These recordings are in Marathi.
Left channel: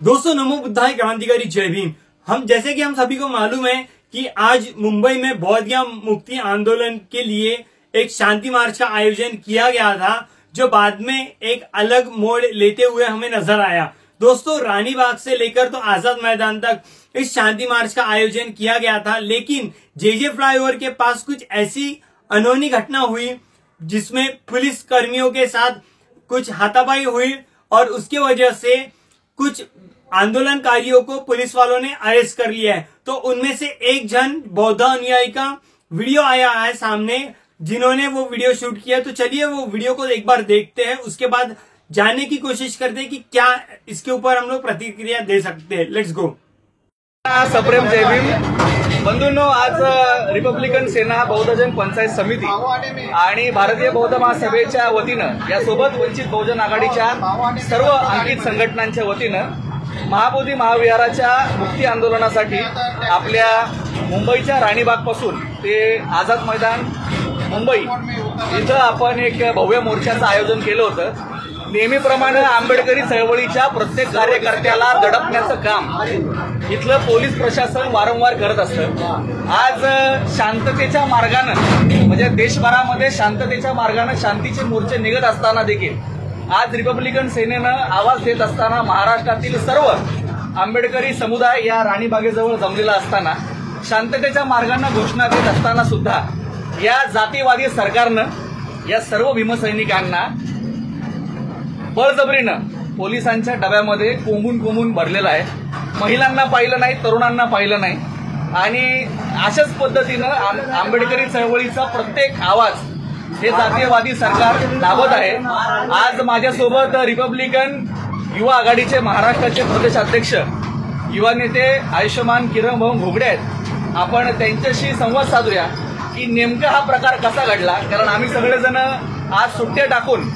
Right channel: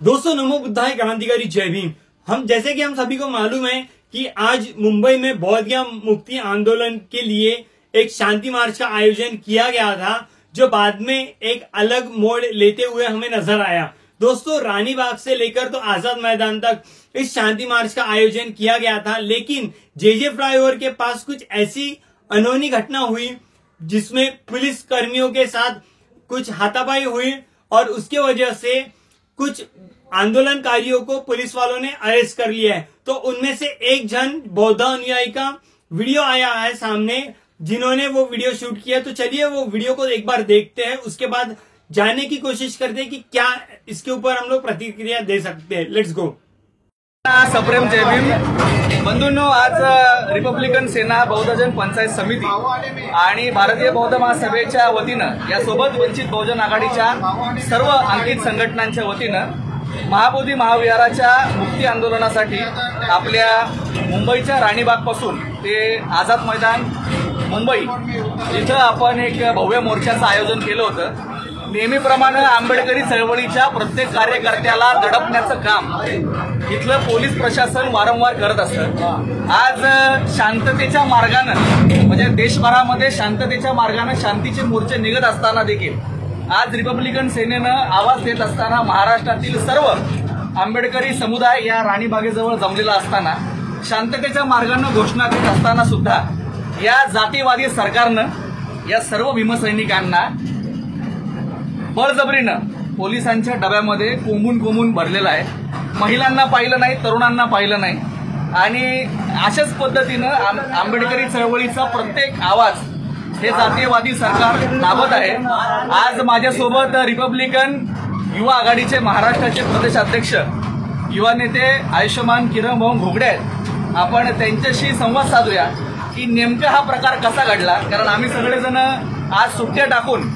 दोस्तों, नमो बुद्धाय, क्रांतिकारी जय भीम। जैसे कि हम सभी को मालूम है कि आज मुंबई में बौद्ध मुक्ति आंदोलन के लिए एक शांति मार्च का आयोजन किया गया था, जो बाद में एक अलग मोड़ लेते हुए हमें नजर आया। दोस्तों, रानी बाग से लेकर तो आजाद मैदान तक इस शांति मार्च का आयोजन किया गया था, लेकिन जेजे फ्लाईओवर के पास कुछ ऐसी अनहोनी घटना हुई जिसमें पुलिस कर्मियों के साथ कुछ हाथापाई हुई और उसकी वजह से कुछ आंदोलनकारियों को पुलिस वालों ने अरेस्ट कर लिया है। तो उनमें से एक जन बौद्ध अनुयायी का वीडियो आया है सामने, जिन्होंने वो वीडियो शूट किया। तो चलिए वो वीडियो को एक बार देखते हैं, उसके बाद जानने की कोशिश करते हैं कि क्या इसके ऊपर हम लोग प्रतिक्रिया दे सकते हैं। Let's go. सप्रेम जय भीम बंधूंनो, आज रिपब्लिकन सेना बौद्ध जन पंचायत समिती आणि भारतीय बौद्ध महासभेच्या वतीनं यासोबत वंचित बहुजन आघाडीच्या सर्व अंकित संघटनांच्या वतीनं महाबोधी महाविहाराच्या मुक्ती आंदोलनासाठी आपल्या मुंबईच्या राणीबागपासून ते आझाद मैदान मुंबई इथं आपण एक भव्य मोर्चाचं आयोजन केलं होतं। नेहमीप्रमाणे आंबेडकरी चळवळीच्या प्रत्येक कार्यकर्त्याला दडपण्याचं काम इथलं पोलीस प्रशासन वारंवार करत असतं। आज शांततेच्या मार्गानं म्हणजे देशभरामध्ये शांततेच्या मार्गानं शांतीचे मोर्चे निघत असताना देखील आज रिपब्लिकन सेनेनं आवाज देत असताना महाराष्ट्रातील सर्व आंबेडकरी समुदाय या राणीबागेजवळ जमलेला असताना शांततेच्या मार्गानं घोषणा देत असताना सुद्धा या जातीवादी सरकारनं या सर्व भीमसैनिकांना बळजबरीनं पोलिसांच्या डब्यामध्ये कोंबून भरलेलं आहे। महिलांना पाहिलं नाही, तरुणांना पाहिलं नाही आणि अशाच पद्धतीनं आंबेडकरी चळवळीचा प्रत्येक आवाज हे जातीयवादी सरकार दाबत आहे। आज माझ्यासोबत रिपब्लिकन युवा आघाडीचे महाराष्ट्राचे प्रदेशाध्यक्ष युवा नेते आयुष्यमान किरण भाऊ घोगडे आहेत। आपण त्यांच्याशी संवाद साधूया की नेमका हा प्रकार कसा घडला, कारण आम्ही सगळेजण आज सुट्ट्या टाकून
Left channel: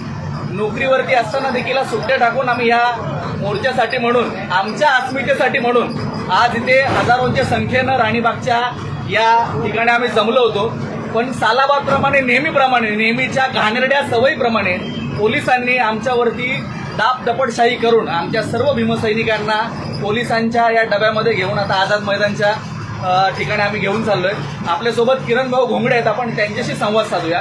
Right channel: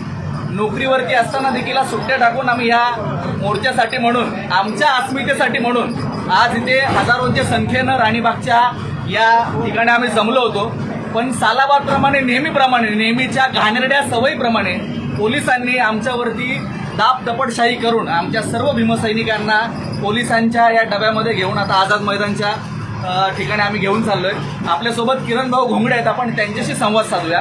नोकरीवरती असताना देखील सुट्ट्या टाकून आम्ही या मोर्चासाठी म्हणून आमच्या अस्मितेसाठी म्हणून आज इथे हजारोंच्या संख्येनं राणीबागच्या या ठिकाणी आम्ही जमलो होतो। पण सालाबादप्रमाणे नेहमीच्या घाणेरड्या सवयीप्रमाणे पोलिसांनी आमच्यावरती दाबदपटशाही करून आमच्या सर्व भीमसैनिकांना पोलिसांच्या या डब्यामध्ये घेऊन आता आझाद मैदानच्या ठिकाणी आम्ही घेऊन चाललोय। आपल्यासोबत किरण भाऊ घोंगडे आहेत, आपण त्यांच्याशी संवाद साधूया।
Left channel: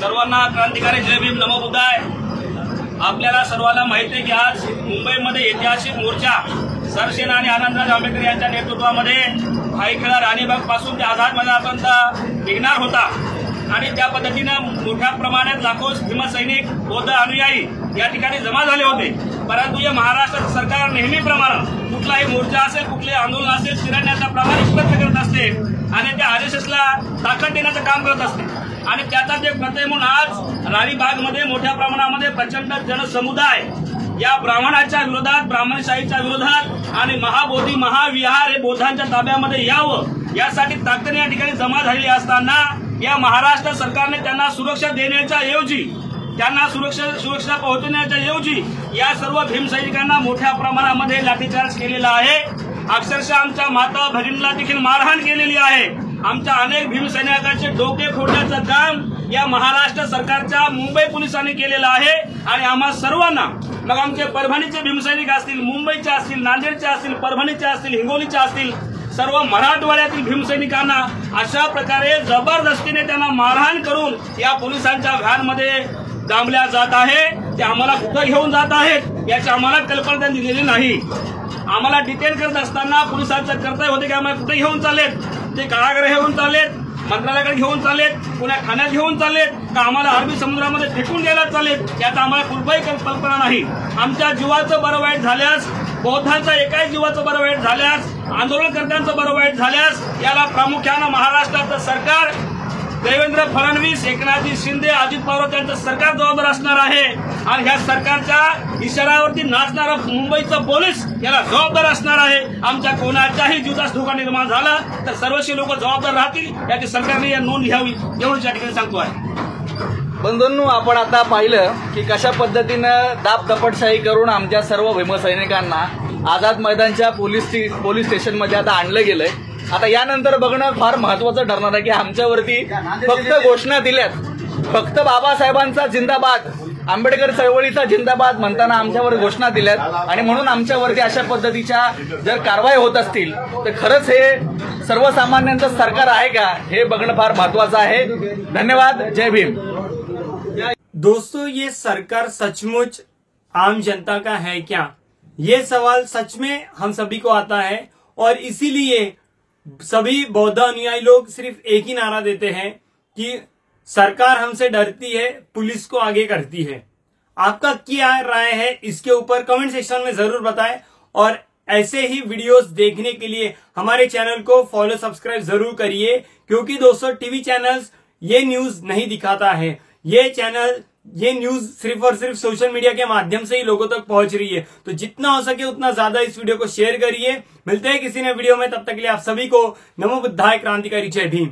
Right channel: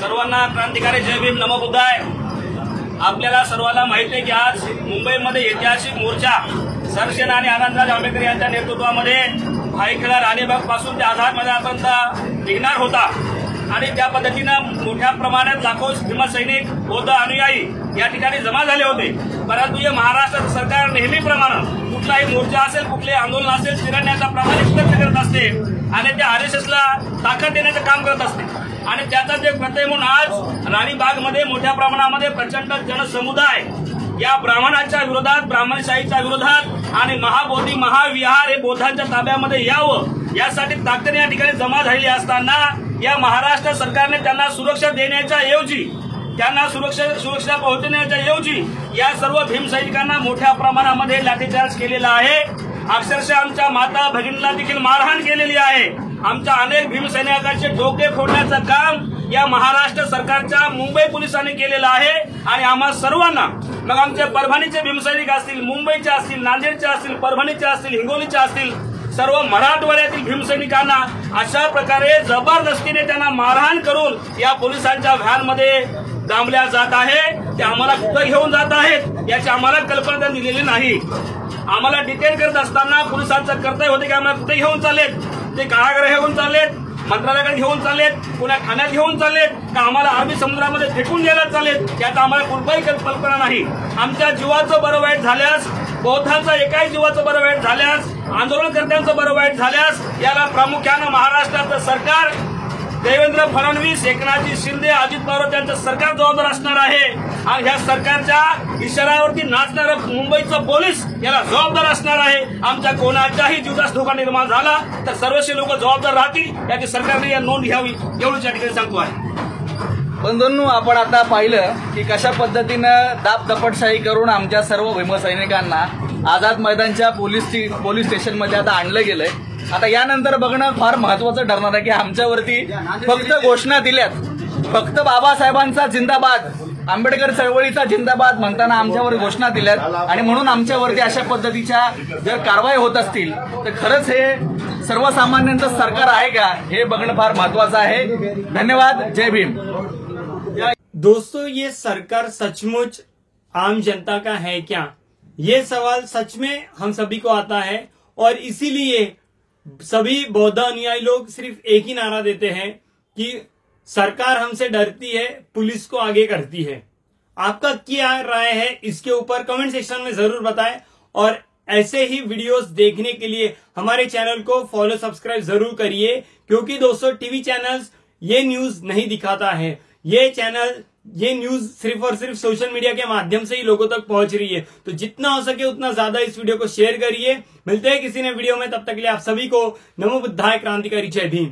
सर्वांना क्रांतिकारी जय भीम, नमो बुद्धाय। आपल्याला सर्वांना माहिती आहे की आज मुंबईमध्ये ऐतिहासिक मोर्चा सरसेना आणि आनंदराज आंबेडकर यांच्या नेतृत्वामध्ये भाईखेडा राणीबाग पासून ते आझाद मैदानापर्यंत निघणार होता आणि त्या पद्धतीनं मोठ्या प्रमाणात लाखो भीमसैनिक बौद्ध अनुयायी या ठिकाणी जमा झाले होते। परंतु हे महाराष्ट्र सरकार नेहमीप्रमाणे कुठलाही मोर्चा असेल, कुठले आंदोलन असेल, चिरडण्याचा प्रामाणिक प्रयत्न करत असते आणि त्या आरएसएसला ताकद देण्याचं काम करत असते आणि त्याचाच एक प्रत्यय म्हणून आज राणीबागमध्ये मोठ्या प्रमाणामध्ये प्रचंड जनसमुदाय या ब्राह्मणाच्या विरोधात, ब्राह्मणशाहीच्या विरोधात आणि महाबोधी महाविहार हे बौद्धांच्या ताब्यामध्ये यावं यासाठी ताकदीने या ठिकाणी जमा झालेली असताना या महाराष्ट्र सरकारने त्यांना सुरक्षा देण्याच्या ऐवजी, त्यांना सुरक्षा पोहोचवण्याच्या ऐवजी या सर्व भीमसैनिकांना मोठ्या प्रमाणामध्ये लाठीचार्ज केलेला आहे। अक्षरशः आमच्या माता भगिनीला देखील मारहाण केलेली आहे। आमच्या अनेक भीमसैनिकांचे डोके फोडण्याचं काम या महाराष्ट्र सरकारच्या मुंबई पोलिसांनी केलेलं आहे आणि आम्हा सर्वांना, मग आमचे परभणीचे भीमसैनिक असतील, मुंबईचे असतील, नांदेडचे असतील, परभणीचे असतील, हिंगोलीचे असतील, सर्व मराठवाड्यातील भीमसैनिकांना अशा प्रकारे जबरदस्तीने त्यांना मारहाण करून या पोलिसांच्या व्हॅनमध्ये डांबल्या जात आहे। ते आम्हाला कुठं घेऊन जात आहेत याची आम्हाला कल्पना दिलेली नाही। आम्हाला डिटेन करत असताना पोलिसांचं कर्तव्य होते की आम्हाला कुठे घेऊन चाललेत, ते कारागृहात घेऊन चाललेत, मंत्रालयाकडे घेऊन चाललेत, पुण्या ठाण्यात घेऊन चाललेत का आम्हाला अरबी समुद्रामध्ये फेकून द्यायला चाललेत याचा आम्हाला कुठलाही कल्पना नाही। आमच्या जीवाचं बरं वाईट झाल्यास, बौद्धांचा एकाच जीवाचं बरं वाईट झाल्यास, आंदोलनकर्त्यांचं बरं वाईट झाल्यास याला प्रामुख्यानं महाराष्ट्राचं सरकार, देवेंद्र फडणवीस, एकनाथजी शिंदे, अजित पवार यांचं सरकार जबाबदार असणार आहे आणि ह्या सरकारच्या इशाऱ्यावरती नाचणारं मुंबईचं पोलीस याला जबाबदार असणार आहे। आमच्या कोणाच्याही जीवास धोका निर्माण झाला तर सर्वस्वी लोक जबाबदार राहतील याची सरकारने या नोंद घ्यावी एवढंच या ठिकाणी सांगतो आहे। बंधूंनो, आपण आता पाहिलं की कशा पद्धतीनं दाबदपटशाही करून आमच्या सर्व भीमसैनिकांना आझाद मैदानच्या पोलीस स्टेशनमध्ये आता आणलं गेलंय। आता यानंतर बघणं फार महत्वाचं ठरणार आहे की आमच्यावरती फक्त घोषणा दिल्यात, फक्त बाबासाहेबांचा जिंदाबाद आंबेडकर चळवळीचा जिंदाबाद म्हणताना आमच्यावर घोषणा दिल्यात आणि म्हणून आमच्यावरती अशा पद्धतीच्या जर कारवाई होत असतील तर खरंच हे सर्वसामान्यांचं सरकार आहे का हे बघणं फार महत्वाचं आहे. धन्यवाद. जय भीम. दोस्तों, ये सरकार सचमुच आम जनता का है क्या? ये सवाल सच में हम सभी को आता है और इसीलिए सभी बौद्ध अनुयायी लोग सिर्फ एक ही नारा देते हैं कि सरकार हमसे डरती है, पुलिस को आगे करती है. आपका क्या राय है इसके ऊपर कमेंट सेक्शन में जरूर बताएं और ऐसे ही वीडियोस देखने के लिए हमारे चैनल को फॉलो सब्सक्राइब जरूर करिए, क्योंकि दोस्तों टीवी चैनल्स ये न्यूज नहीं दिखाता है. ये न्यूज सिर्फ और सिर्फ सोशल मीडिया के माध्यम से ही लोगों तक पहुंच रही है. तो जितना हो सके उतना ज्यादा इस वीडियो को शेयर करिए. मिलते हैं किसी नए वीडियो में, तब तक के लिए आप सभी को नमो बुद्धाय, क्रांतिकारी जय भीम.